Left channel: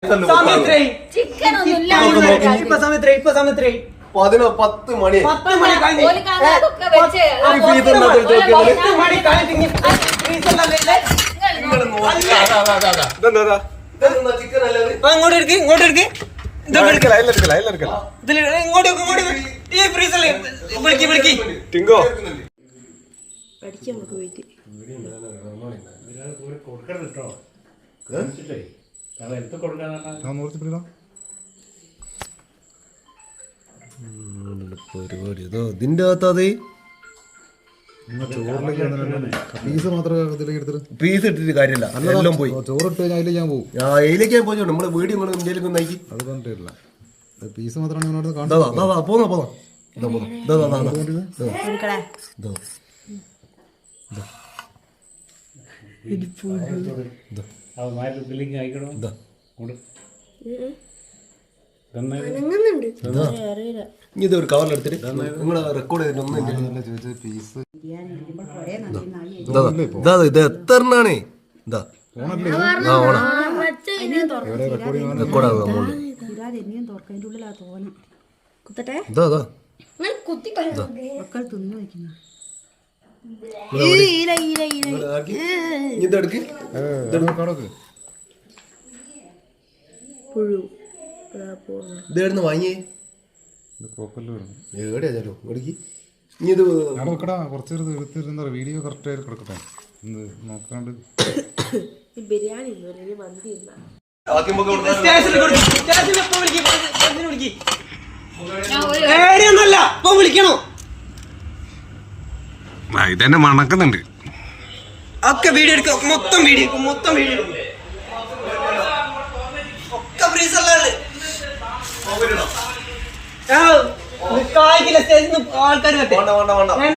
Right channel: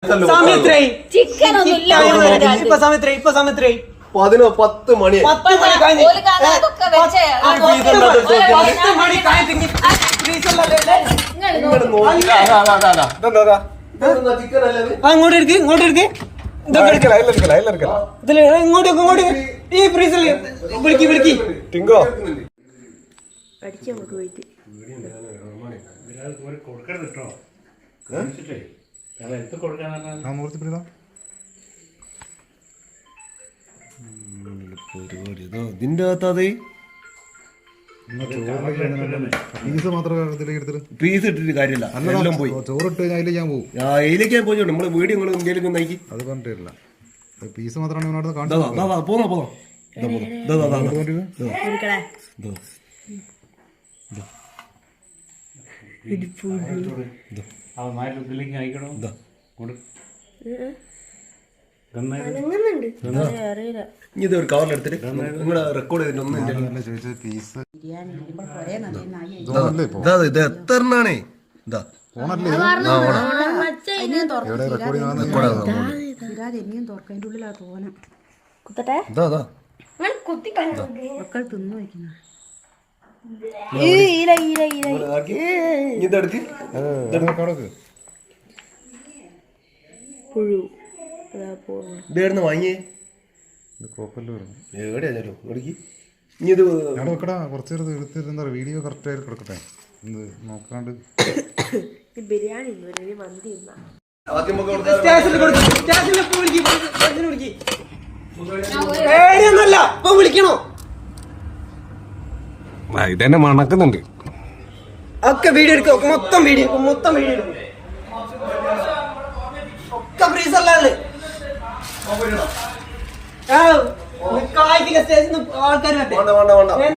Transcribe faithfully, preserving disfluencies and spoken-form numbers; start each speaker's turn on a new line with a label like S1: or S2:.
S1: പത്ത് മണി പത്ത് മണി അങ്ങോട്ട് എടുക്ക് ഇങ്ങോട്ട് എടുക്ക് ഇങ്ങോട്ട് ഇങ്ങോട്ട് ഈ ഫ്രീസറിൽ വിളിക്കി വിളിക്കി ടിങ്കോ
S2: പഠിക്കാൻ നമുക്ക് പോയിട്ട്
S1: ഇതിന്റെ അകത്തത്
S3: പീസ് മാത്രം
S1: പീസ് ഇട്ടിട്ട് കാര്യമില്ല എല്ലാം പോയി
S3: ചോറിട്ട് അതിലേക്ക് ഞാൻ പോകും
S1: അതിലേക്ക് ഞാൻ പോയി നമ്മള് വീഡിയോ നിങ്ങൾ ഇന്ത്യയിലേക്ക് നയിക്കി
S3: അത് പറഞ്ഞിട്ടില്ല പീസ് മാത്രമാണ് കാണിച്ചത്
S1: പോന്നാ പോന്നാ ഇത് ഒരു കവറിലെടുത്തിട്ട് നിങ്ങള് റെക്കോർഡ് ചെയ്തിട്ട്
S3: പീസ്
S1: ഇത് എത്ര എണ്ണാണേ ഇതാ ഇതെടുക്ക് ഇതായിരുന്നു വാങ്ങിയേ എവിടെയാ
S3: കുറച്ച് എടുത്തിരുന്ന വീഡിയോ കറക്റ്റ് ആയിട്ട് കിടക്കട്ടെ നോക്കാണ്ട്
S2: ബിരിയാണി മന്തി
S1: വിളിക്കണോ
S3: ഇതെന്നെ മണക്കുന്നുണ്ട്
S1: ഒക്കെ വീഡിയോ എടുക്ക മൊത്തം വീഡിയോ മൊത്തം വീഡിയോ എടുക്കും ഒക്കെ ഫ്രീസറിലാണ് ആൾക്കാർ